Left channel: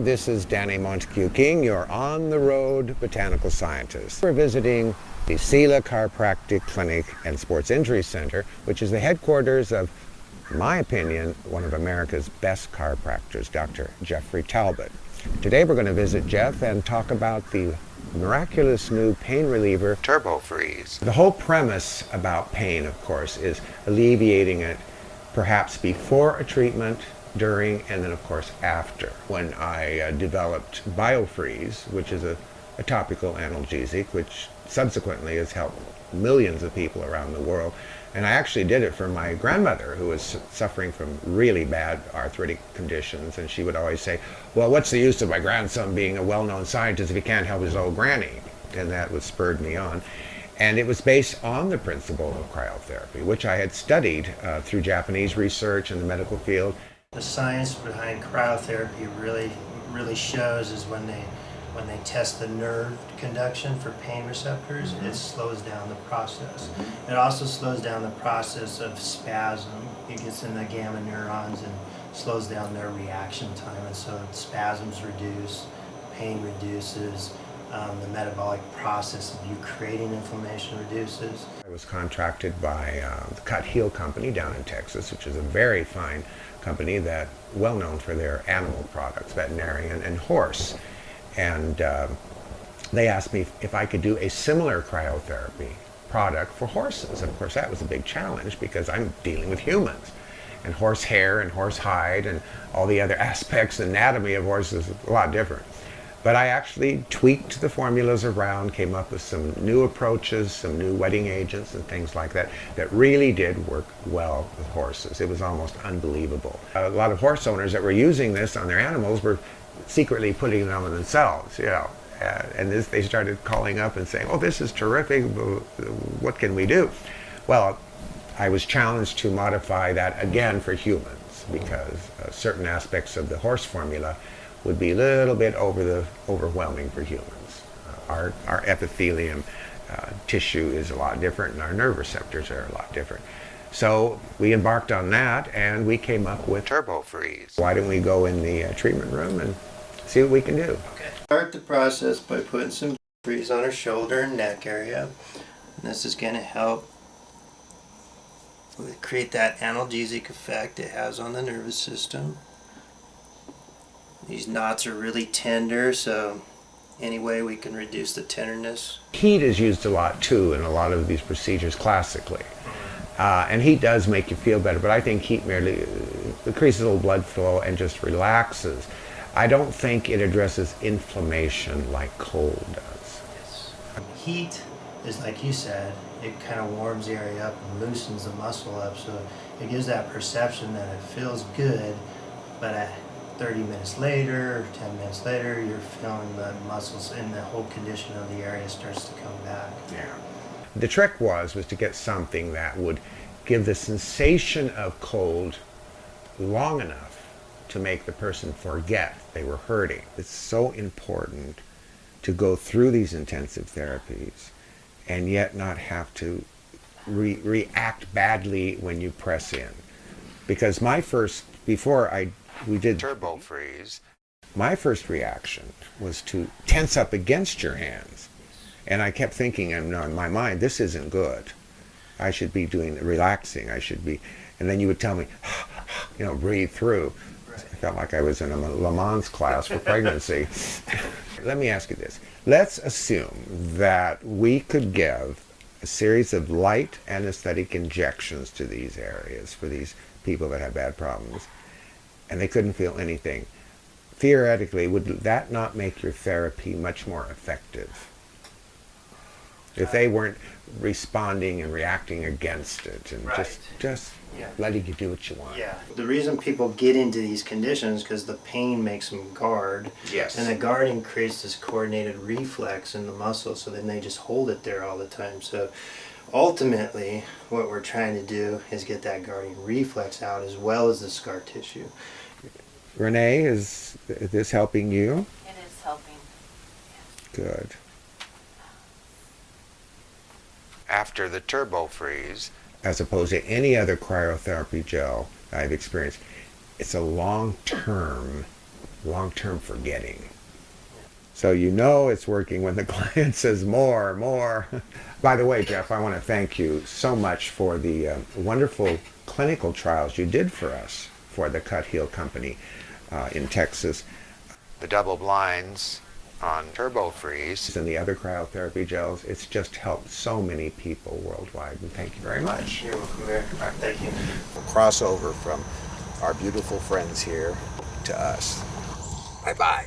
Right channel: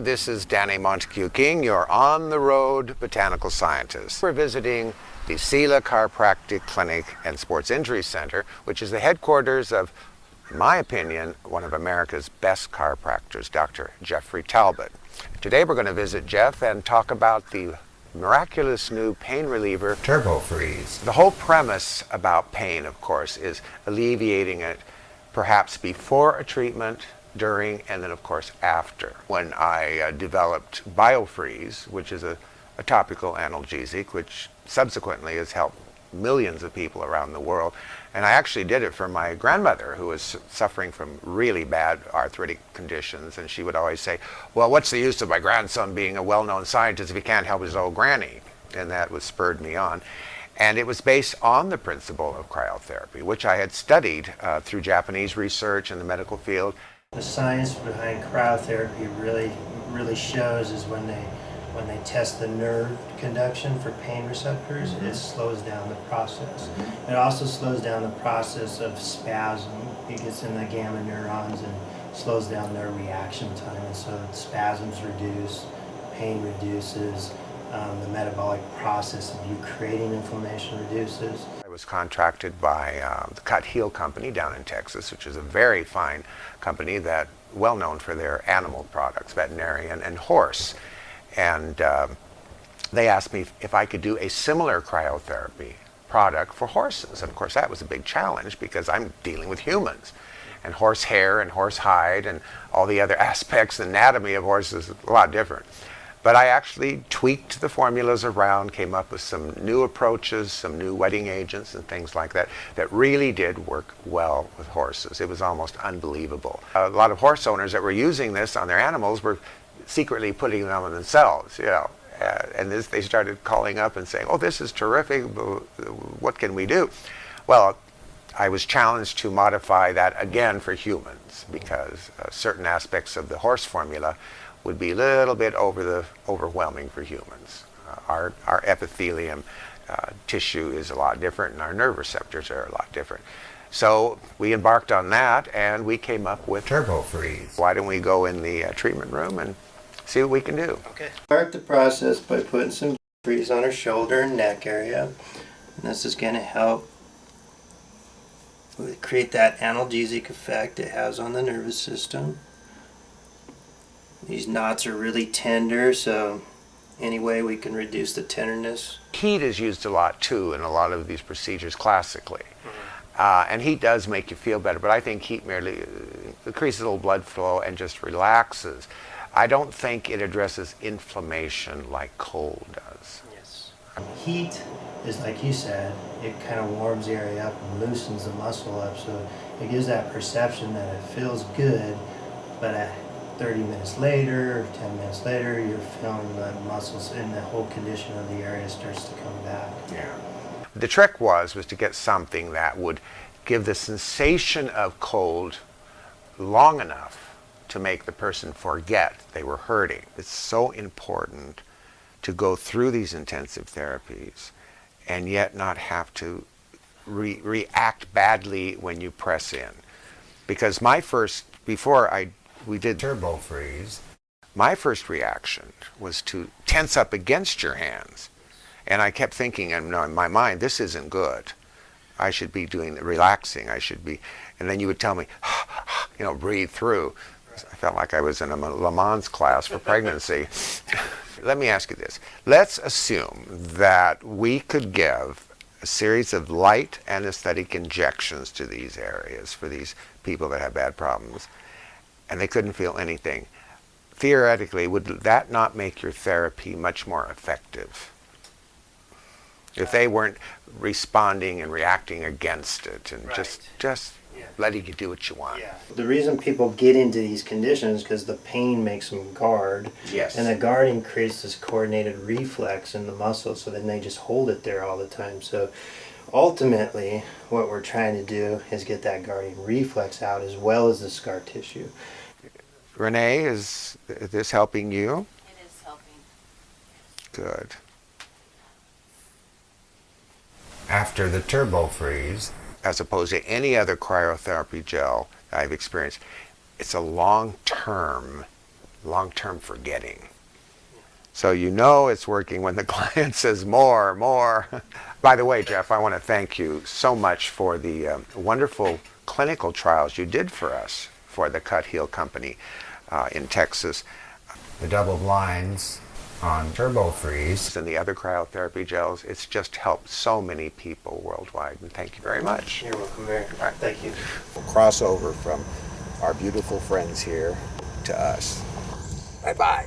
This is Danné Montague-King, your on-the-road botanical scientist. We're visiting the Selah Chiropractic Clinic and Sports Injury Center, which is the headquarters of, in my opinion, one of America's best chiropractors, Dr. Jeffrey Talbott. Today we're going to visit Jeff and talk about the miraculous new pain reliever, Turbo Freeze. The whole premise about pain, of course, is alleviating it perhaps before a treatment, during, and then of course after. When I developed BioFreeze, which is a topical analgesic, which subsequently has helped millions of people around the world, and I actually did it for my grandmother, who was suffering from really bad arthritic conditions, and she would always say, well, what's the use of my grandson being a well-known scientist if he can't help his old granny? And that was spurred me on. And it was based on the principle of cryotherapy, which I had studied through Japanese research in the medical field. The science behind cryotherapy really shows is when they test the nerve conduction for pain receptors, it slows down the process. It also slows down the process of spasm. It gets in the gamma neurons and slows down their reaction time, and so spasms reduce, pain reduces, the metabolic process of you creating inflammation reduces. I was contracted by the Cut Heel Company down in Texas, which is a very fine company that well known for their animal products, veterinarian and horse. And they asked me if I could do a similar cryotherapy product for horses. And of course that was a big challenge because I'm dealing with humans. And horse hair and horse hide and all the other aspects, the anatomy of horses is a lot different. But I actually tweaked the formulas around, came up with some new approaches, some new wetting agents and things like that, that really did work well with horses. It was almost unbelievable. A lot of horse owners that were using this on their animals were secretly putting them on themselves, you know. And they started calling up and saying, oh, this is terrific, what can we do? Well, I was challenged to modify that again for humans because certain aspects of the horse formula would be a little bit overwhelming for humans. Our epithelium tissue is a lot different and our nerve receptors are a lot different. So we embarked on that and we came up with Turbo Freeze. Why don't we go in the treatment room and see what we can do? Okay. Start the process by putting some freeze on her shoulder and neck area. And this is going to help create that analgesic effect it has on the nervous system. These knots are really tender, so any way we can reduce the tenderness. Heat is used a lot too in a lot of these procedures classically. And heat does make you feel better, but I think heat merely increases a little blood flow and just relaxes. I don't think it addresses inflammation like cold does. Heat is, like you said, it kind of warms the area up and loosens the muscle up, so it gives that perception that it feels good, but 30 minutes later, 10 minutes later, you're feeling the muscles and the whole condition of the area starts to come back. Yeah. The trick was to get something that would give the sensation of cold long enough to make the person forget they were hurting. It's so important to go through these intensive therapies and yet not have to react badly when you press in. Because before we did Turbo Freeze, my first reaction was to tense up against your hands. And I kept thinking in my mind, this isn't good. I should be doing the relaxing, and then you would tell me, you know, breathe through. Right. I felt like I was in a Le Mans class for pregnancy. Let me ask you this. Let's assume that we could give a series of light anesthetic injections to these areas for these people that have bad problems, and they couldn't feel anything. Theoretically, would that not make your therapy much more effective? If they weren't responding and reacting against it and just letting you do what you want. Yeah. The reason people get into these conditions is because the pain makes them guard. Yes. And the guarding creates this coordinated reflex in the muscle, so then they just hold it there all the time. So ultimately, what we're trying to do is get that guarding reflex out as well as the scar tissue. Renee, is this helping you? It is helping. Good. After the Turbo Freeze, as opposed to any other cryotherapy gel I've experienced, it's a long-term long-term forgetting. So you know it's working when the client says more, more. By the way, Jeff, I want to thank you so much for the wonderful clinical trials you did for us for the Cut Heel Company in Texas. The double blinds on Turbo Freeze and the other cryotherapy gels, it's just helped so many people worldwide. And thank you very much. You're welcome, Mayor. Thank you. We'll cross over from our beautiful friends here to us. Bye-bye.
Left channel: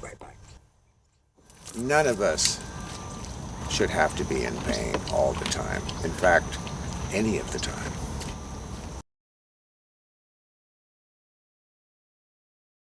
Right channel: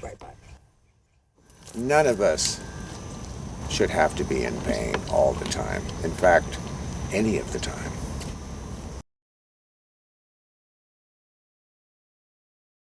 Bye-bye. None of us should have to be in pain all the time. In fact, any of the time.